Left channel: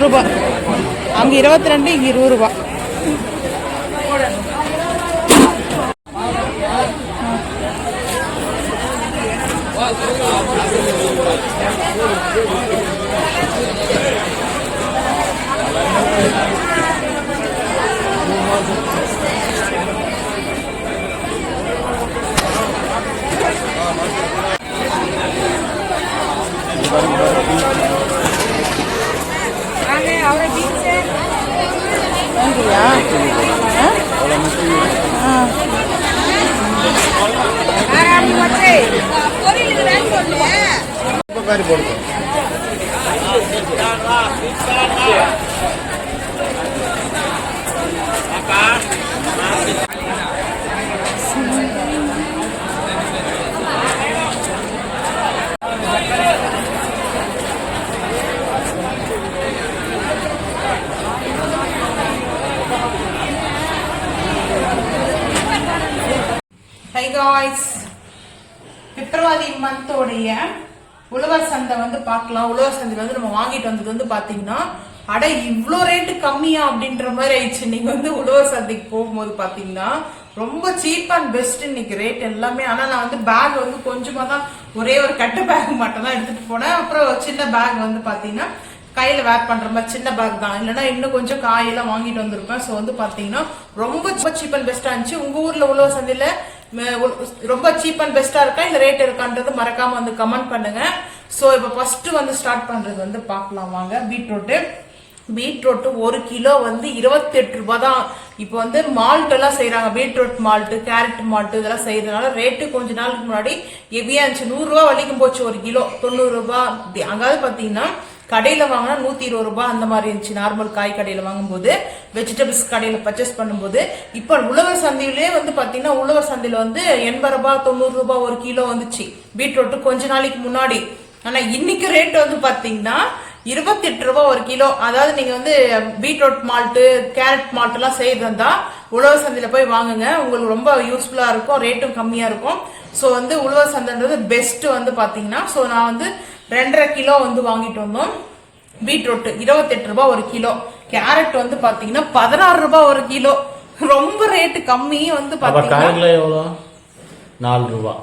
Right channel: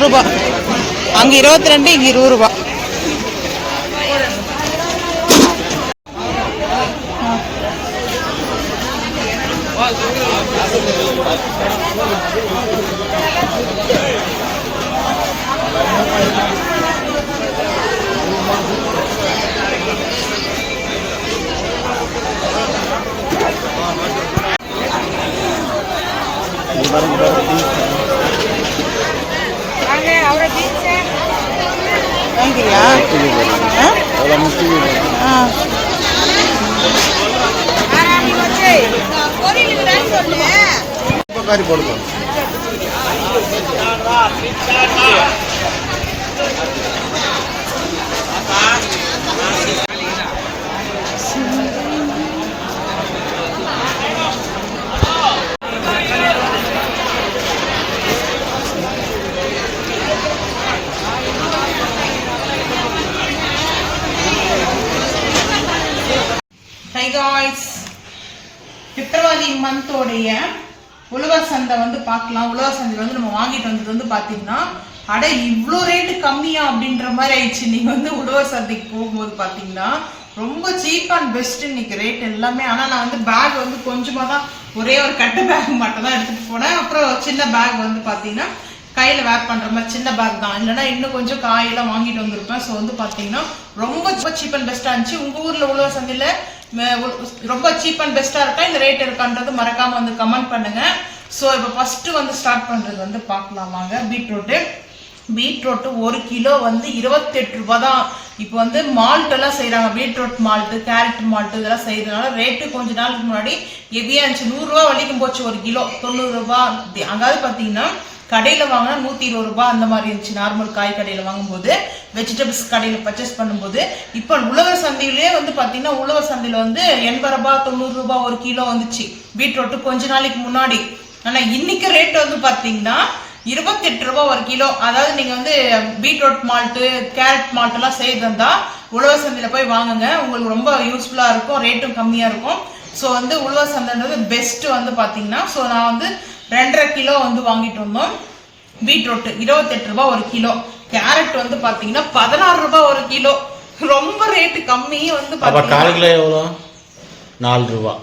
20 ரூபா. அங்கே 22, இங்கே 20 ரூபா. வாங்கியா? Hi guys, பிப்ரவரி மந்தோடைய உழவர் சந்தை வந்து பார்க்கலாம். உழவர் சந்தையில் வந்து நம்ம வாங்கிட்டு வந்தது வந்து பார்த்தீங்கன்னா அட இவ்வளோ ரேட்டு கம்மியா அப்படின்ற மாதிரி ஆயிடுச்சு. நீங்கள் வந்து உழவர் சந்தைக்கு போகும்போது பார்த்தீங்கன்னா ரொம்ப சீப் அண்ட் பெஸ்ட் இன்னைக்கு ரேட் எல்லாமே. ஆனால் நான் வந்து பேக் வந்து கொஞ்சமாக தான், ஒரே ஒரு கட்டை பேக் மட்டும் தான் எடுத்துகிட்டு போனேன். அப்புறம் சின்ன பேக் வந்து பார்த்தீங்கன்னா கையில் வேர் பண்ணுற மாதிரி சின்ன பேக் தான், இல்லைன்னா இன்னும் கொஞ்சம் காயெல்லாம் வாங்கிட்டு வந்திருப்பேன். ஸோ வந்து பார்த்தீங்கன்னா ரொம்ப சீப் அண்ட் பெஸ்ட்டாக இருந்துச்சு. உங்கள் ஊரில் உழவர் சந்தையில் ரொம்ப சீப் அண்ட் பெஸ்டா இருக்கா இந்த ரேட் இருக்கான்றது மறக்காம வந்து கமெண்ட் பண்ணுங்க. ஸோ இப்போ ஃபர்ஸ்ட் வந்து ஸ்டார்ட் பண்றது வந்து பார்க்கலாம் வாங்க. பீட்ரூட் 1 கிலோ வந்து 28 ரூபாய் தான். இப்போ வந்து மால்ட் எல்லாம் செய்யறாங்க, பீட்ரூட் மால்ட், கேரட் மால்ட் இதெல்லாம் செய்யறதுனால ரேட்டு கொஞ்ச நாளுக்கு முன்னாடி ஹெவியா இருந்துச்சு. 100 ரூபா வரைக்கும் போச்சு ஒரு கிலோ, 90 ரூபாய். அங்காவது பாத்தீங்கன்னா கடையில வாங்கினா 120 ரூபாய் அந்த மாதிரி இருந்துச்சு. நார்மல் காய் கடையில வாங்கும்போது, வெஜிடபிள்ஸ் கடையில பர்ச்சேஸ் பண்ணும்போது. இப்போ உழவர் சந்தையிலே வந்து பாத்தீங்கன்னா உழவர் சந்தையில வந்து 80 ரூபாய் 90 ரூபாய் ஒரு கிலோ வந்துச்சு பீட்ரூட் கொஞ்ச நாளைக்கு முன்னாடி. ஆனா இன்னைக்கு ரேட் வந்து பாத்தீங்கன்னா 28 ரூபாய் ஒரு கிலோ. அதாவது நீங்க வந்து பீட்ரூட் மால்ட்டு, கேரட் மால்ட் எல்லாம் செய்யறதா உழவர் சந்தையில போய் வாங்குங்க, உங்களுக்கு ரொம்ப யூஸ்ஃபுல்லா இருக்கும், ரேட்டும் கம்மியா இருக்கும். ஸோ வந்து உழவர் சந்தைன்றது பெஸ்ட் வந்து பாத்தீங்கன்னா. ஸோ நான் வந்து 2.5 கிலோ வந்து வாங்கிட்டு வந்தோம். பீட்ரூட் 28 ரூபாய் ஒரு கிலோ. கேரட் வந்து பாத்தீங்கன்னா 16 ரூபாய் ஒரு கிலோ. ரொம்ப ரேட்டு கம்மி வந்து பாத்தீங்கன்னா 4 ரூபாய்.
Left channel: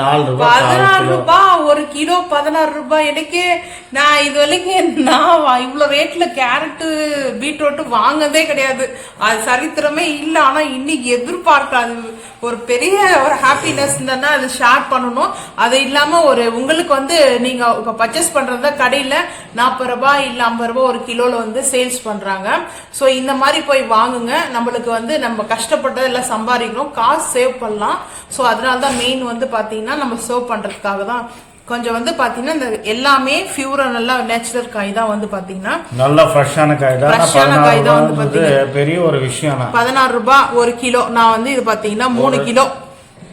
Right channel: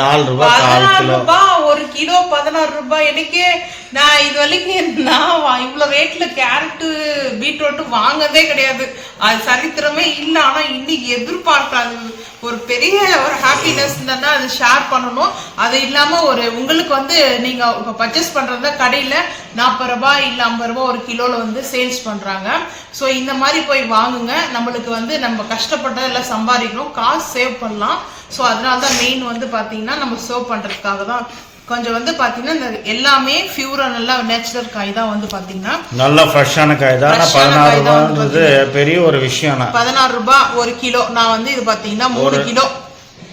4 ரூபாய் ஒரு கிலோ 16 ரூபாய். எனக்கு நான் இது வரைக்கும் நான் இவ்வளவு ரேட்ல கேரட்டு பீட்ரூட் வாங்கதே கிடையாது, அது சரித்திரமே இல்லை. ஆனா இன்னைக்கு எதிர்பார்க்காது ஒரு பெரிய ஒரு ஹாப்பினஸ் இருந்தா அது ஷேர் பண்ணணும். அது இல்லாம ஒரு உங்களுக்கு வந்து நீங்க இப்ப பர்ச்சேஸ் பண்றதா கடையில 40 ரூபாய் இல்ல 50 ரூபாய் ஒரு கிலோல வந்து சேல்ஸ் பண்றாங்க. ஸோ இந்த மாதிரி போய் வாங்குங்க. நம்மளுக்கு வந்து நம்ம கஷ்டப்பட்டதெல்லாம் சம்பாதிக்கணும், காசு சேவ் பண்ணலாம். ஸோ அதனாலதான் மெயின் வந்து பாத்தீங்கன்னா நம்ம சேவ் பண்றதுக்காக தான். கொஞ்சம் வந்து பாத்தீங்கன்னா இந்த எல்லாமே பியூரா நல்லா நேச்சுரல் காய் தான் வந்து பாத்தீங்கன்னா நல்ல ஃப்ரெஷ்ஷான காய் தான். 16 ரூபாய் பெரிய ஒரு விஷயம். 16 ரூபாய் ஒரு கிலோ. நான் வந்து இது பாத்தீங்கன்னா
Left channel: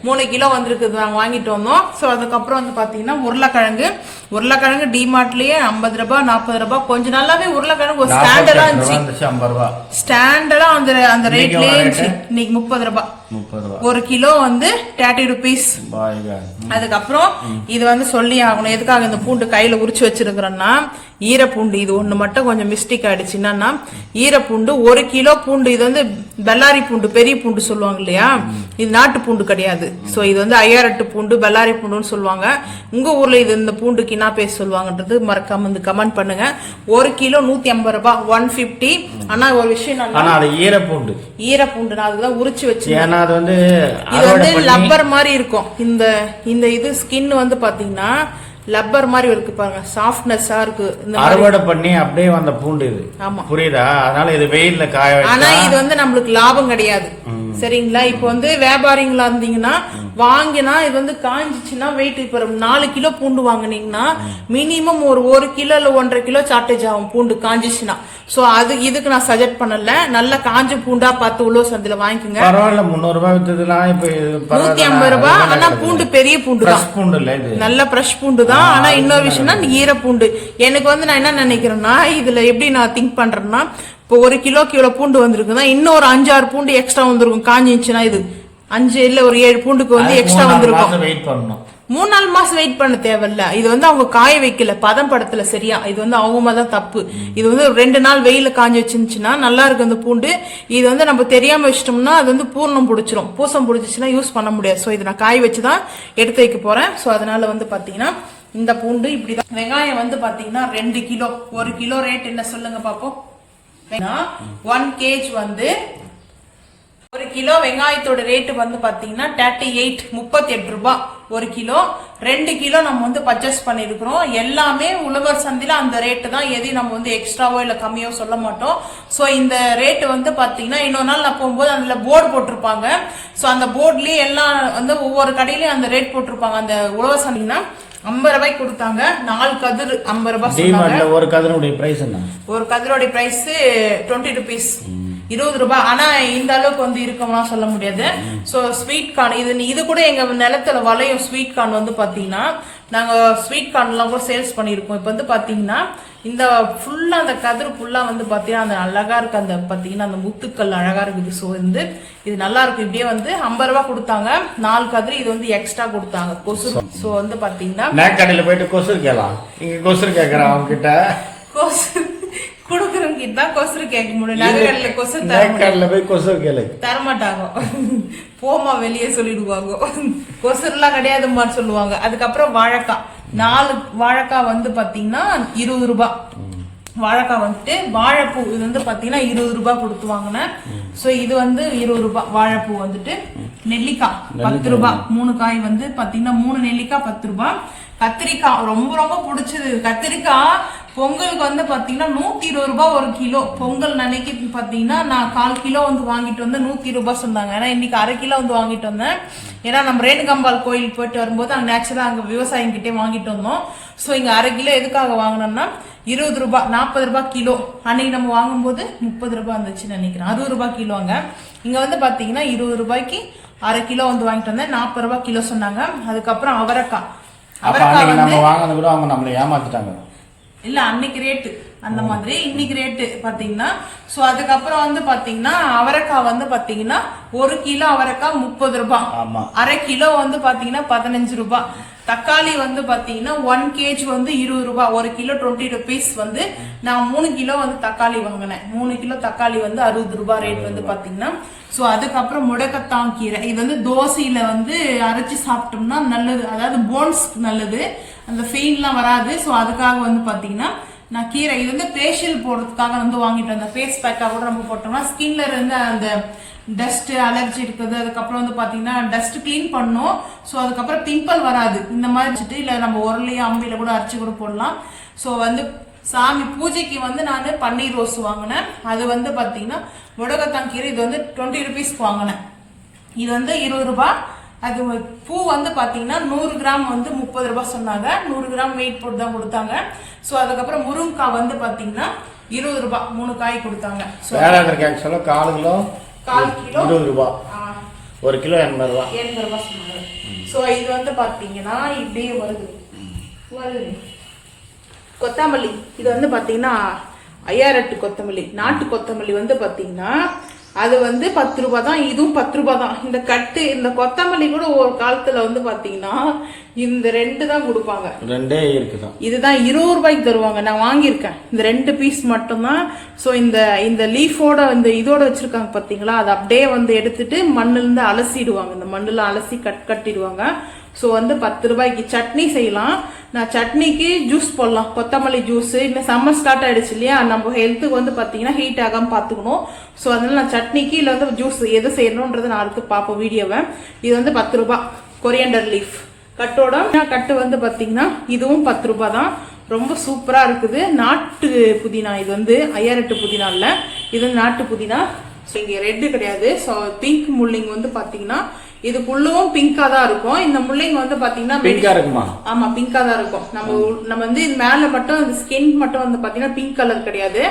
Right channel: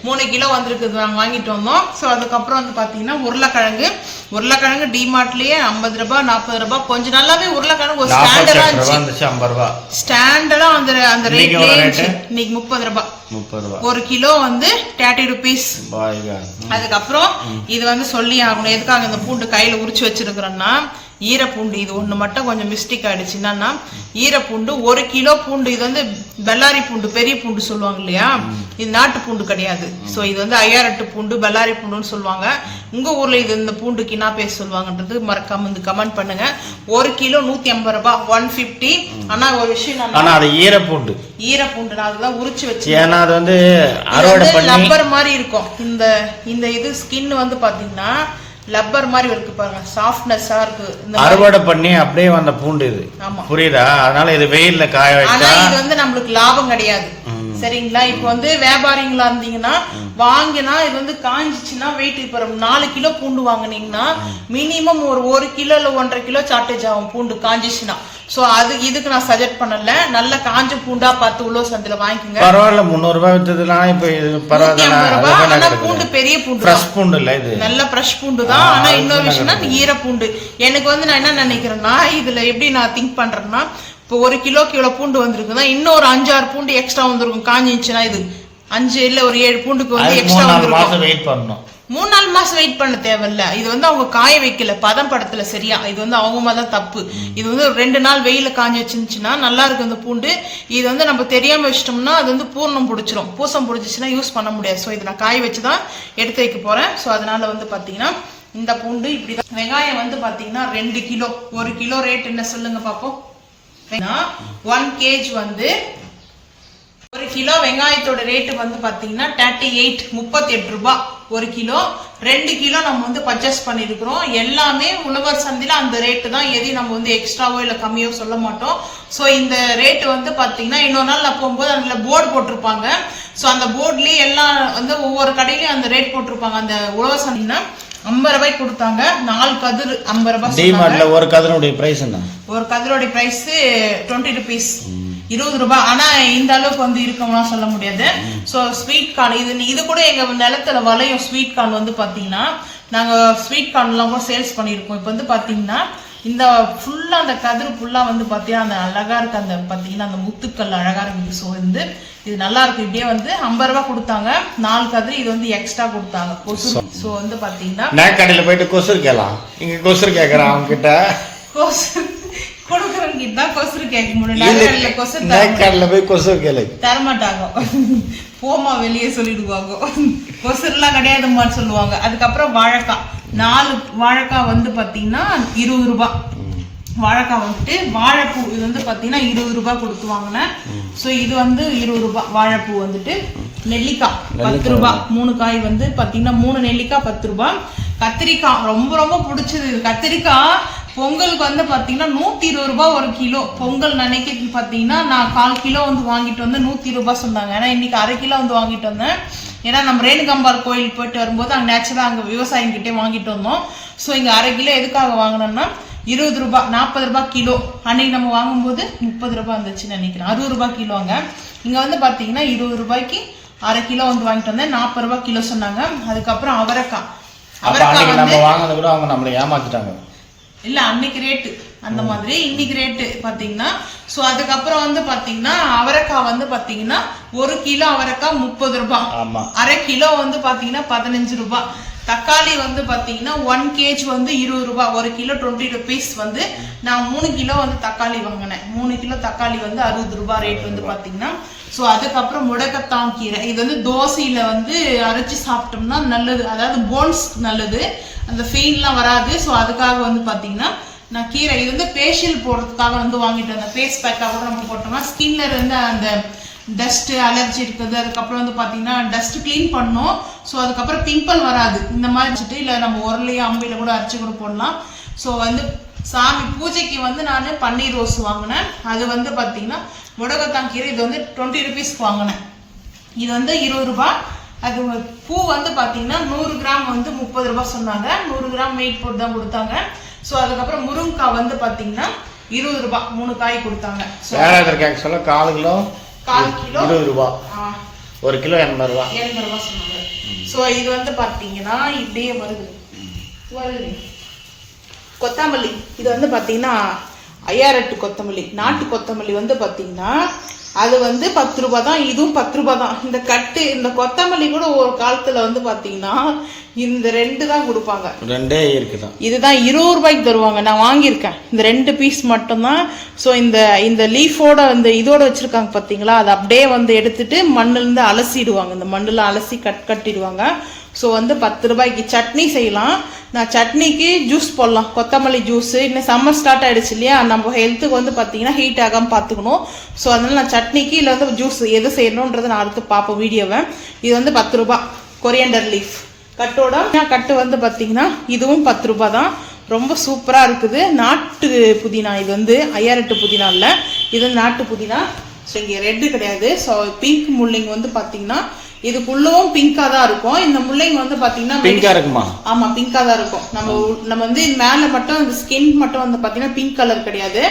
3 கிலோ வந்திருக்குது, நாங்கள் வாங்கிட்டு வந்தோம். ஸோ அதுக்கப்புறம் வந்து பார்த்தீங்கன்னா உருளைக்கிழங்கு டிமார்ட்லேயே 50 ரூபாய் 40 ரூபாய். கொஞ்ச நாளாவே உருளைக்கிழங்கு ஒரு ஸ்டாண்டர்டா இருந்துச்சு, ஸ்டாண்டர்டா அந்த ரேட்லேயே இருந்துச்சு. இன்னைக்கு 30 ரூபாய் ஒரு கிலோ வந்து 30 rupees. அதுக்கப்புறம் இது வந்து சொல்லி ஆகணும், எதுக்காக இந்த பூண்டு கையில உரிச்சு வச்சிருக்கிறோம்னா ஈரப்பூண்டு. இது ஒண்ணு மட்டும் கொஞ்சம் மிஸ்டேக் ஆயிடுச்சு. என்னன்னா ஈரப்பூண்டு 1 கிலோ பூண்டு. இது வந்து பெல்லாரி பூண்டு, பெரிய பூண்டு சொல்லுவாங்க இல்லையா, இது நாட்டு பூண்டு கிடையாது. ஸோ இது வந்து ஐயாரட்டு பூண்டு, பெல்லாரி பூண்டுன்னு சொல்லுவாங்க. உங்க ஊர்ல இது இந்த பூண்டுக்கு என்ன பேர் சொல்லுவாங்கன்றது மறக்காம வந்து கமெண்ட் பண்ணுங்க. 1 கிலோ 150 ரூபாய், 150. ஆனா ஒரு விஷயம், ஆனா அது ஈரப்பூண்டு நான் அதுதான் உரிச்சு வச்சு, ஏன்னா அது வந்து லப்பர் மாதிரி இருக்கும். இந்த இது ஸ்கின் வந்து பாத்தீங்கன்னா லப்பர் மாதிரி இருக்கு பாருங்க, சாஃப்ட்னஸா இருக்கு. அறுவடை பண்ணி அப்படியே வந்த பூண்டு இது, புரியுதா? அதனால இது வெயில்ல காய வச்சா, ஆனா இது வந்து நம்மளுக்கு லாபம் கிடையாது, சரிங்களா? இப்போ வந்து வியாபாரிங்களா இருந்தீங்கன்னா வாங்கினா இது வந்து காஞ்சிச்சுன்னா வெயிட், இப்போ 4 கிலோ பூண்டு வாங்கினீங்கன்னா மினிமம் ஒரு 1 கிலோ இல்ல 1.5 கிலோ சார்டேஜ் ஆகும் பூண்டு காஞ்சிச்சுன்னா. சோ இதுக்கு நான் சஜெக்ட் பண்ணல, நல்ல காஞ்ச பூண்டா பார்த்து உழவர் சந்தையில வாங்கிக்கோங்க. பரவாயில்ல, 300 ரூபாய் வித்ததுனா இப்ப 150 ரூபாய். ஆனா பூண்டு பெரிய பூண்டு, ஃப்ரெஷ் பூண்டு இல்ல, இது நல்ல ஃப்ரெஷ் பூண்டு தான். ஆனா இன்னொரு விஷயம்னா ஈர பூண்டு. எனக்கு வந்து நான் என்ன நினைக்கிறேன்னா, இதுல எப்படி நான் திங்க் பண்றேன்னா, இப்போ 1 கிலோக்கு இவ்வளவு பூண்டு வந்திருக்குன்னா இன்னும் ஒரு 5-6 பூண்டு எக்ஸ்ட்ரா வந்திருக்கும். காஞ்சிச்சுன்னா இது 5 இல்ல ஒரு 7 பூண்டுக்கு வந்து எக்ஸ்ட்ரா வந்திருக்கும். வெயிட் பண்ணணும். 3-4 மாசம் வெயிட் பண்ண தேவையில்ல. இது வந்து அவங்க காய வைக்கல, பதம் படத்துல சரியா. இது வந்து அவங்க தான் தப்பு. இது வந்து ஒரு 2 நாள் வெயில காஞ்சி வச்சுருந்துச்சுன்னா நல்லா இருக்கும் அந்த பூண்டு. இது வந்து நம்ம தெரியாம வச்சிட்டோம்னா அது வந்து பூர்ணம் பிடிச்சிரும், பூசம் பிடிச்சிச்சுன்னா யூஸ் பண்ண முடியாது. ஸோ இதை நான் காய வச்சுதான் எடுத்து வைக்க போறேன். ஸோ அதனால வந்து பாத்தீங்கன்னா இந்த பூண்டு இப்படிதான். வெங்காயம் வந்து பாத்தீங்கன்னா 2 கிலோ. 1 கிலோ ரேட் என்ன சொல்லுங்க பாப்போம். 1 kg வந்து 1 கிலோ வெங்காயத்தோட ரேட்டு வந்து பாத்தீங்கன்னா 38 ரூபாய் 1 கிலோ. 2 கிலோ நம்ம வந்து பர்ச்சேஸ் பண்ணிருக்கிறோம். எல்லாமே உழவர் சந்தையில அந்த ரேட்டு தான். எதையும் நம்ம வந்து எக்ஸ்ட்ராவோ இல்ல கம்மியோ சொல்ல மாட்டோம். சோ இந்த ரேட்டு வந்து பாத்தீங்கன்னா இன்னொரு நாள் நான் போகும்போது அதுல போர்டு போட்டிருப்பாங்க. சோ அந்த போர்ட்லயே எல்லாம் வந்து ஒவ்வொரு கடையிலயும் அந்த ரேட் போட்டிருப்பாங்க. அந்த உழவர் சந்தைனா 50 ரூபாய்க்கு கொடுத்தாங்க. 4 கதிர் 50 ரூபாய். டிமார்ட்ல ஒரு கதிரோட பிரைஸ் என்ன? ஒரு கதிரோட பிரைஸ் 20 rupees, 20 ரூபாய். ஆனா இந்த அளவுக்கு வந்து இருக்கமா சொல்ல முடியாது. சோ ஸ்வீட் கார்ன் இது கூட எங்க நிலத்துல வளையும். ஸ்வீட் கார்ன் வந்து பாத்தீங்கன்னா நாங்க ஸ்வீட் கார்ன் எல்லாம் கூட சேல்ஸ் பண்ணிருக்கோம். இப்ப வந்து பாத்தீங்கன்னா இந்த ஃபுல்லா அந்த கதிர் ஃபுல்லா வந்து பாத்தீங்கன்னா அந்த அழகா இருக்கு. அந்த பாத்தீங்கன்னா அந்த முத்துக்கள் அழகா இருக்குது. சோ வந்து இது நல்லா இருக்கு. இப்படியே வந்து 50 ரூபாய் கொடுத்தாங்க. 4 கதிர் இது வந்து எக்ஸ்ட்ரா கொடுத்தாங்க. கொசு. சோ வந்து பாத்தீங்கன்னா நான் கடையில போயிட்டு கொசு கேட்கலாம். இங்க கொசு கேக்குறான் அவங்க கிட்ட. கொசு கொடுக்குறவங்க கிட்ட கொசு கேட்க முடியும். நகரில கொசு கடையில போய் கொசு கேளு தரமாட்டாங்க. போமா வெளியே சொல்லிடுவாங்க. கொசுலாம் கிடையாதுமான்னு சொல்லுவாங்க. அதுக்கப்புறம் வாழைக்காய் 4 வாழைக்காய் வந்து பாத்தீங்கன்னா 20 ரூபாய். வாழைக்காய் வந்துட்டு வாழைப்பூ இது வந்து பாத்தீங்கன்னா 20 ரூபாய் கொடுத்து வாங்கினேன். சோ இது வந்து 20 ரூபாய் வாழைப்பூ வந்துட்டு. நெல்லிக்காய் 10 ரூபாய். 3 காய் வந்து பாத்தீங்கன்னா 3 நெல்லிக்காய் 10 ரூபாய். கத்திரிக்காய் ரொம்ப ரொம்ப பிடிச்சது. கத்திரிக்காய் பொங்கலுக்கு வந்து பாத்தீங்கன்னா 120 ரூபாய் 1 கிலோ. பொங்கல் நினைக்க பாத்தீங்கன்னா நான் 1/4 கிலோ வந்து வாங்கிட்டு வந்து 120 ரூபாய் சொன்னாங்க. ஏன்னா இன்னைக்கு 1/2 கிலோ வந்து வாங்கிட்டு வந்தேன். ஏன்னா நம்ம ரேணுகம்பால் கோயில் போயிட்டு வரும்போது அங்க நேச்சுரலா அங்க விவசாயம் கிட்டே வாங்கிட்டு வந்தோம். சோ இங்க 1/2 கிலோ எதுக்காக வாங்கினோம்னா 20 ரூபாய் 40 ரூபாய் கிலோ. அன்னைக்கு நம்ம வாங்கும்போது 30 ரூபாய் இருந்துச்சுன்னு நினைக்கிறேன். 60 ரூபாய் கிலோங்க. இங்க வந்து பாத்தீங்கன்னா 20 ரூபாய்க்கு 1/2 கிலோ வந்து வாங்கிட்டு வந்தேன். 40 ரூபாய் கிலோ சொன்னாங்க. அதுக்கப்புறம் அவரைக்காய் நம்ம வாங்கினது கூட அவங்க நம்மளை ஏமாத்திட்டாங்க. இல்ல அன்னைக்கு ரேட்டு அந்த மாதிரி, இன்னைக்கு ரேட்டு பாத்தீங்கன்னா. சோ அதுக்கப்புறம் வந்து பாத்தீங்கன்னா அவரைக்காய் வந்து பாத்தீங்கன்னா 1 கிலோ அவரைக்காய் 30 ரூபாய். 1/2 கிலோ வந்து பாத்தீங்கன்னா 15 ரூபாய். தக்காளி வந்து பாத்தீங்கன்னா 1 kg வந்து 20 ரூபாய். 1 கிலோ 20 rupees வந்து நான் 3 கிலோ வந்து தக்காளி வாங்கினேன். 3 கிலோ தக்காளி வந்து 60 ரூபாய் ரேட் வந்து பாத்தீங்கன்னா. சோ அதுக்கப்புறம் முடக்கத்தான் கீரை. இது வந்து தோசையில வந்து அரைச்சி சாப்பிட்டோம்னா நல்லது. அதாவது போன்ஸ் நல்லது, அந்த ஃபெயின்லாம் வராது. ஸோ அதுக்காக வந்து பார்த்தீங்கன்னா நான் கீரை இது வந்து ஃபேஷியல் போடுறதுக்காக வந்து வாங்கிட்டு வந்தேன். ஃபேஸ் பேக்காக கூட நம்ம போட்டோம்னா ஸ்கின்ல இருந்து அந்த டஸ்ட் அலர்ஜி இருக்குது. அதுக்கப்புறம் வந்து பார்த்தீங்கன்னா டஸ்ட் கிளீன் பண்ணோம். ஸோ அதுக்கப்புறம் பிம்பிள் வராது. இந்த மாதிரி வச்சுட்டு இல்லை நம்ம உரலையோ அம்பில கூட அரைச்சி கூட போடலாம். ஸோ வந்து சாமி பூஜைக்கு வந்து நான் பன்னீர் ரோஸ் வாங்கினேன். அது வந்து பார்த்தீங்கன்னா முடக்கத்தான் கீரை இது வந்து 20 rupees வாங்கினேன். இது வந்து 20 ரூபாய். அது பூ வந்து பாத்தீங்கன்னா 100 கிராம் வந்து 30 ரூபாய் சொன்னாங்க. 100 கிராம் வெயிட் போட்டு தான் கொடுத்தாங்க. சோ அதுக்கப்புறம் முருங்கைக்காய் வந்து பாத்தீங்கன்னா 20 ரூபாய் 3 காய் கொடுத்தாங்க. சொல்ல 1/4 கிலோ 20 ரூபாய், 1 கிலோ 80 ரூபாய் 80 ரூபாய் சொன்னாங்க. சோ இது வந்து பாத்தீங்கன்னா இப்படியே வருது. கொத்தமல்லி இது வந்து பாத்தீங்கன்னா 5008 கொத்தமல்லி. நாட்டு கொத்தமல்லி வந்து பாத்தீங்கன்னா அது வந்து 10 ரூபாய் தான். இதுவும் 10 ரூபாய் தான். இந்த கட்டு இந்த கொத்தமல்லி கூட ஒரு காலத்துல வந்து பாத்தீங்கன்னா இந்த 2 தான் கொடுப்பாங்க. 2 இருக்குதான். இதுதான் 20 ரூபாய்க்கு தருவாங்க. நான் வாங்கியிருக்கேன் இந்த 2 பீஸ் மட்டும்தான். ஸோ இந்த லீஃபோட அந்த இதோட வச்சிருக்காங்க பாத்தீங்களா, அதை அப்படியே வந்து எடுத்துட்டு மண்ணுல இருந்து அலசிடுவாங்க. இந்த மண்ணுல அலசி கட்டிடுவாங்க. ஸோ வந்து 10 ரூபாய்க்கு சட்னி செய்யலாம். நான் சட்னிக்கு ஜூஸ் போடலாம், கொத்தமல்லி ஜூஸ். இன்னும் சம்மர் ஸ்டார்ட் ஆயிடுச்சு இல்லையா, நம்ம ஹெல்த்துக்கு வந்து பார்த்தீங்கன்னா ஹீட் ஆகாமல் பார்த்துக்கணும். ஸோ அதனால நான் சட்னிக்கு இல்லை வந்து ஜூஸ் எது செய்யணுன்றதை நான் அடுத்து பார்ப்போம் வீடியோவை. இது வந்து 10 ரூபாய் கொரியண்டர் லீஃப் கட்டோட. கட்டு வந்து பார்த்தீங்கன்னா இதுவும் 10 ரூபாய் தான். ரொம்ப சூப்பராக இருக்குது. நாட்டு புதினா. இது வந்து 5008 புதினா இல்லை, இது வந்து நாட்டு புதினா. ஸோ இங்கே ரெட்டு கிடையாது. ஸோ பிங்க் முள்ளிங்க வந்து பார்த்தீங்கன்னா இதுக்குள்ளவும் பிங்கா தான் இருக்கும். இந்த முள்ளைங்க வந்து பாத்தீங்கன்னா பிங்கா இருக்குமா? ஆமா பிங்கா தான் இருக்கும். நம்ம வந்து மேல மட்டும் இந்த ஸ்கின் மட்டும் வந்து பாத்தீங்கன்னா பிங்க் கலர் கிடையாது.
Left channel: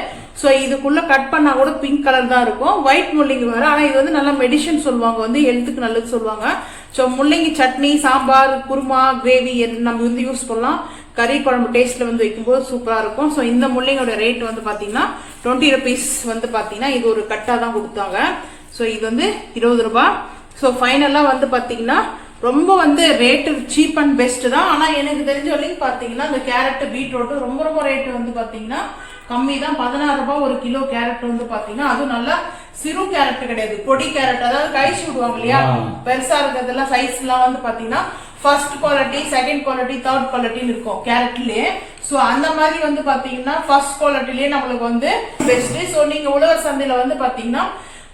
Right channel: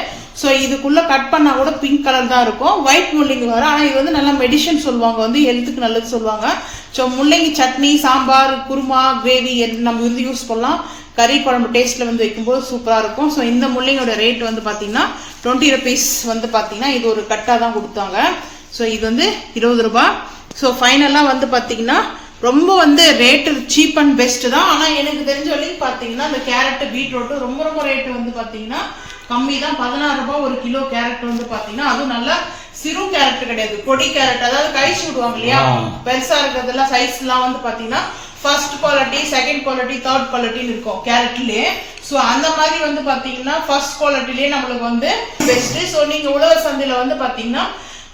சோ இதுக்குள்ள கட் பண்ணா கூட பிங்க் கலர் தான் இருக்கும். ஒயிட் முள்ளைங்க வர. ஆனா இது வந்து நல்லா மெடிசன் சொல்லுவாங்க, வந்து ஹெல்த்துக்கு நல்லது சொல்லுவாங்க. ஸோ முள்ளங்கி சட்னி, சாம்பார், குருமா, கிரேவி நம்ம வந்து யூஸ் பண்ணலாம். கறி குழம்பு டேஸ்ட்ல வந்து வைக்கும்போது சூப்பரா இருக்கும். ஸோ இந்த முள்ளைங்களோட ரேட் வந்து பாத்தீங்கன்னா 20 rupees வந்து பாத்தீங்கன்னா இது ஒரு கட்டா தான் கொடுத்தாங்க. ஸோ இது வந்து 20 ரூபாய். ஸோ ஃபைனலாக வந்து பார்த்தீங்கன்னா ரொம்ப வந்து ரேட்டு சீப் அண்ட் பெஸ்ட் தான். ஆனா எனக்கு தெரிஞ்ச வரைக்கும் பாத்தீங்கன்னா இந்த கேரட் பீட்ரூட் ரொம்ப ரொம்ப ரேட்டு வந்து பாத்தீங்கன்னா கம்மி தான். 16 ரூபாய் ஒரு கிலோ கேரட் வந்து பாத்தீங்கன்னா, அதுவும் நல்லா சிறு கேரட் கிடையாது, பொடி கேரட், அதாவது கழிச்சு விடுவாங்க இல்லையா, பெருசா இருக்கிறதுல சைஸ் எல்லாம் வந்து பாத்தீங்கன்னா first quality, second quality, third குவாலிட்டின்னு இருக்கும் கேரட்லயே. ஸோ அந்த மாதிரி வந்து பாத்தீங்கன்னா ஃபர்ஸ்ட் குவாலிட்டிலேயே நம்மளுக்கு வந்து பெஸ்ட். ஸோ நீங்க உழவர் சந்தையில வந்து பாத்தீங்கன்னா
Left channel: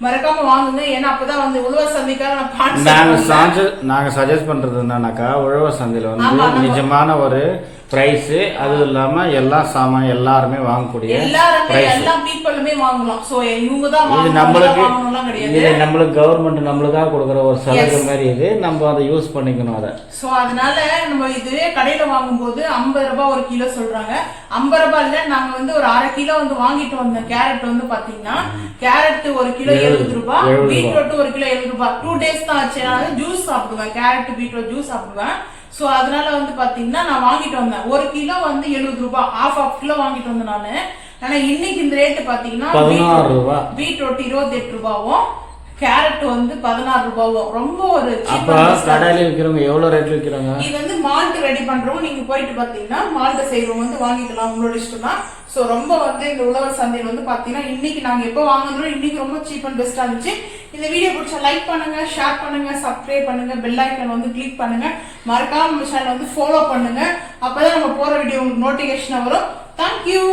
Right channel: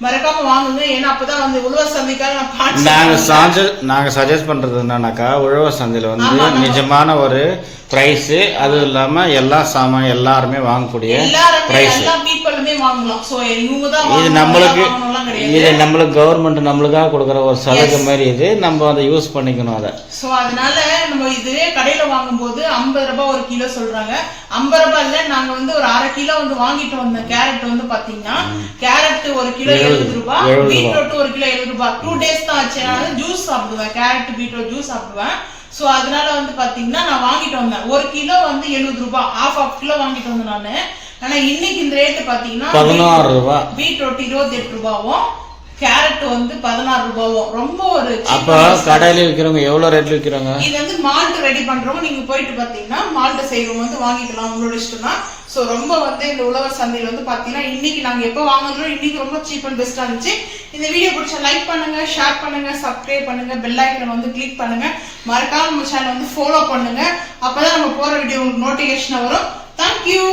மறக்காம வாங்குங்க. ஏன்னா அப்பதான் வந்து உழவர் சந்தைக்காக நாங்க சஜஸ்ட் பண்றது என்னன்னாக்கா, உழவர் சந்தையில வந்து நிஜமான ஒரு பிரைஸ், அதுவும் இல்லாம எல்லா சாமான் எல்லாருமே வாங்கக்கூடிய பிரைஸ். எல்லா பீப்பிளுமே வாங்கலாம். சோ இவங்க தான் இது நம்மளுக்கு இது நம்மளுக்கு கவர்மெண்ட் நம்மளுக்காக கொடுக்குற ஒரு சலுகை மாதிரி, இது நம்ம அதை யூஸ் பண்ணிக்கணும் அதை. சோ அதனால நம்ம இது கடையில வாங்கும்போது 50 ரூபாய் ஒரு கிலோ சொல்றாங்க. 50 ரூபாய்ல நாங்க வந்து ஒரு அரை கிலோ வந்து வாங்கிட்டு வந்த கேரட் வந்து பாத்தீங்கன்னா, கேரட் ஒரு கிலோ 70 ரூபாய், பீட்ரூட் ஒரு கிலோ 70 ரூபாய். 2 days தான் ஆச்சு. நான் ஜூஸ் சாப்பிடுவேன், கேரட் பீட்ரூட் ஜூஸ் சாப்பிடுவேன். சோ அதனால வந்து பாத்தீங்கன்னா நான் வாங்கிட்டு வந்தேன். ஒரு கிலோ வந்து 70 ரூபாய், half கிலோ வாங்கிட்டு வந்தேன் நானு. ஆனா இன்னைக்கு இந்த ரேட் பாத்தீங்கன்னா 16 ரூபாய், பீட்ரூட் 28 ரூபாயும், கேரட் வந்து 16 ரூபாயும். ரொம்ப ஒரு அப்ப கடையில விக்கிறவங்க எவ்வளவு ரேட்ல விக்கிறாங்க. இது வந்து மால்ட் ரெடி பண்றவங்க நீங்க போயிட்டு பாத்தீங்கன்னா மால்ட் செய்யறவங்க வந்து வாங்கிக்கலாம், உங்களோட இஷ்டம் தான். சோ ரொம்ப வந்து இந்த உழவர் சந்தையில வந்து பாத்தீங்கன்னா இன்னைக்கு நாங்க எப்ப வாங்குறோம், இன்னைக்கு ரொம்ப சீப் அண்ட் பெஸ்டா இருந்துச்சு. இந்த வீடியோ பிடிச்சா லைக் பண்ணுங்க, ஷேர் பண்ணுங்க, சப்ஸ்கிரைப் பண்ணுங்க, பெல் ஐக்கான் வந்து கிளிக் பண்ணுங்க, மறக்காம நம்ம சேனல் வந்து ஃபாலோ பண்ணுங்க. அப்பதான் நம்ம போற வீடியோ உங்களுக்கு நோட்டிபிகேஷன் வரும். தேங்க்யூ.